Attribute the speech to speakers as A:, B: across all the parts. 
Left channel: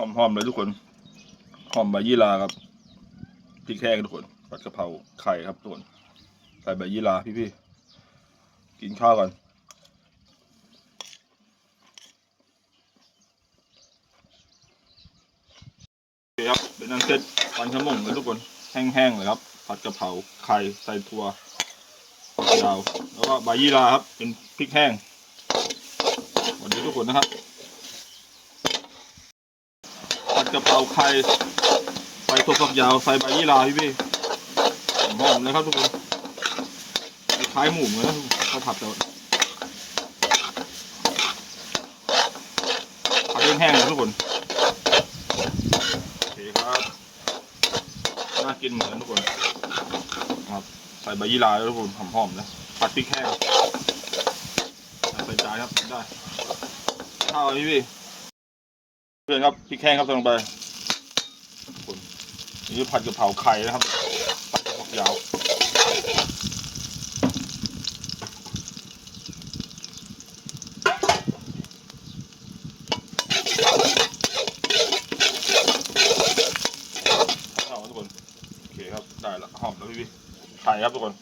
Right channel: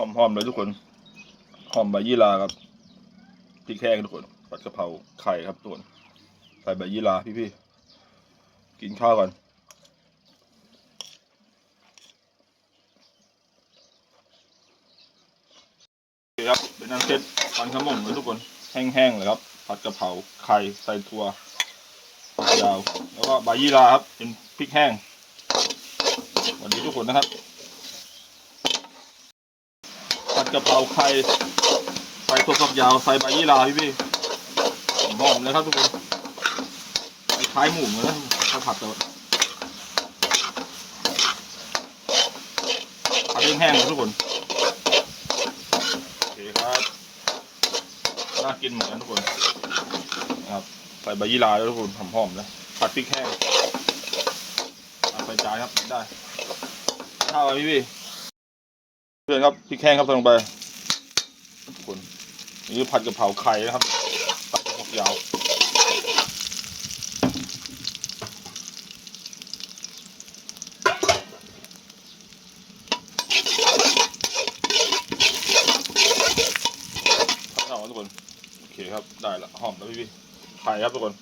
A: หอมๆเลยทุกคนหอมใบยี่ลาครับพริกแห้งทุกคนผัดกะเพราไข่ครับทุกคนใส่ใบยี่ลาพี่ๆกินข้าวก่อนโอเคครับเป็นอันเสร็จปันขมุงเลยทุกคนแห้งๆเลยครับ ผัดกะเพราไข่ใส่ถั่วยาวแล้วก็ใบยี่ลาครับเป็นพริกแห้งสวัสดีทุกคนนะครับ กะเพราไข่ใส่ถั่วฝักยาวใส่ใบยี่ลาพี่พี่หอมเลยครับทุกคนคล้ายหมูเลยนะถ้าผัดแต่ว่าผัดแห้งๆเลยทุกคนโอเคครับน่ากินเหมือนกันทุกคนครับใส่ใบยี่ลาด้วยทุกคนหอมๆเลยผัดพริกแห้งใส่จานครับได้ข้าวพี่พี่ เพื่อนครับพริกแห้งครับใส่ลงไปทุกคนนี่ผัดกะเพราไข่นะครับผัดกะเพรายาวผัดเอาทุกคนโอเคครับได้ละหอมแล้วพี่พี่ไข่ครับทุกคน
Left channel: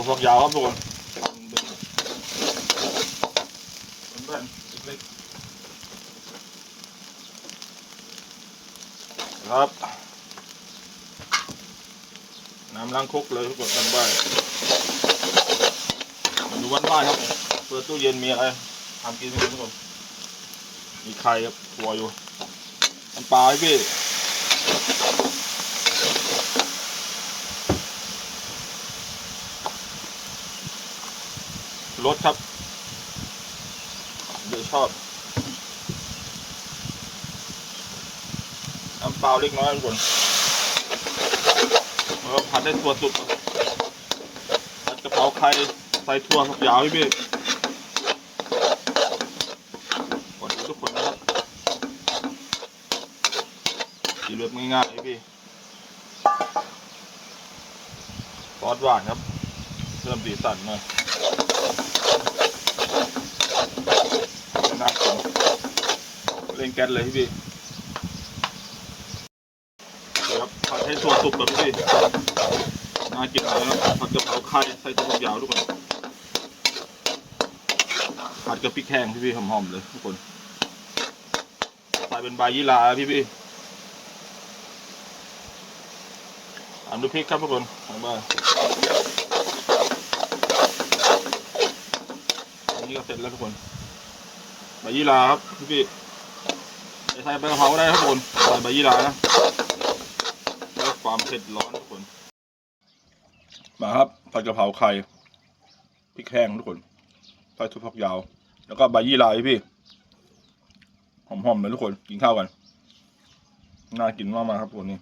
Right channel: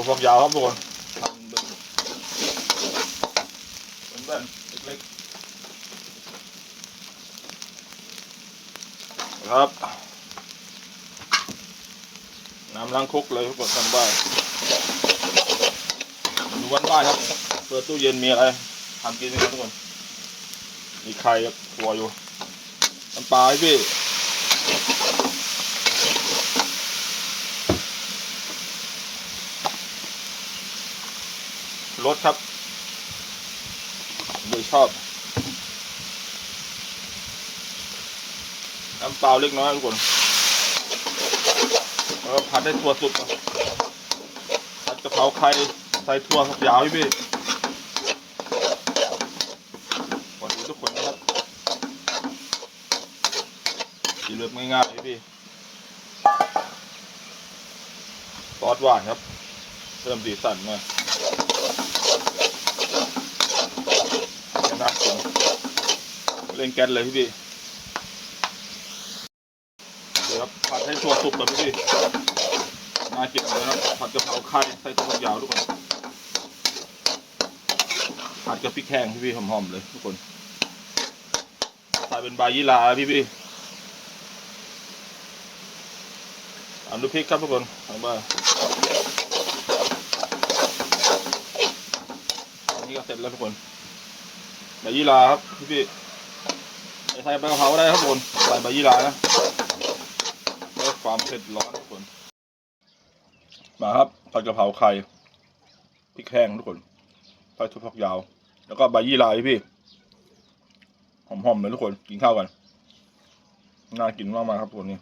A: ตัวฝักยาวครับทุกคนทำเป็นเป็นแบนเล็กๆครับ น้ำล้างครกเลยทุกคนทำบ้านดูวันบ้านครับ เปิดตู้เย็นมีอะไรทำกินกันทุกคน มีไข่ครับตัวอยู่น้ำปลาพี่ รสครับโดยชอบน้ำเปล่าเล็กน้อยทุกคนแล้วผัดได้ถั่วสุกผัดกะเพราไข่ใส่ถั่วฝักยาวพี่พี่ขอดูทุกคนนะครับสีเลือกง่ายๆพี่พี่ซอสหวานครับเพิ่มสีสันมาจะน่ากิน เล่นแก๊สเลยพี่พี่เดี๋ยวครับผัดให้ถั่วสุกแบบพี่พี่น่ากินเลยนะครับผัดกะเพราไข่ใส่ถั่วยาวทุกคนผัดกับพริกแห้งพี่พี่หอมๆเลยทุกคนใส่เป็นใบยี่หร่าพี่พี่อันดูพริกครับทุกคนทางบ้านอันนี้ก็เสร็จแล้วทุกคนใบยี่หร่าครับพี่ ใส่ใบกะเพราก็ได้ครับทุกคนใส่ใบยี่หร่านะแล้วความเผ็ดร้อนทุกคน มาครับผัดกะเพราไข่พริกแห้งทุกคนใส่ถั่วฝักยาว แล้วก็ใบยี่หร่าพี่พี่หอมๆเลยทุกคนกินข้าวกัน น่ากินมากๆครับทุกคนนี่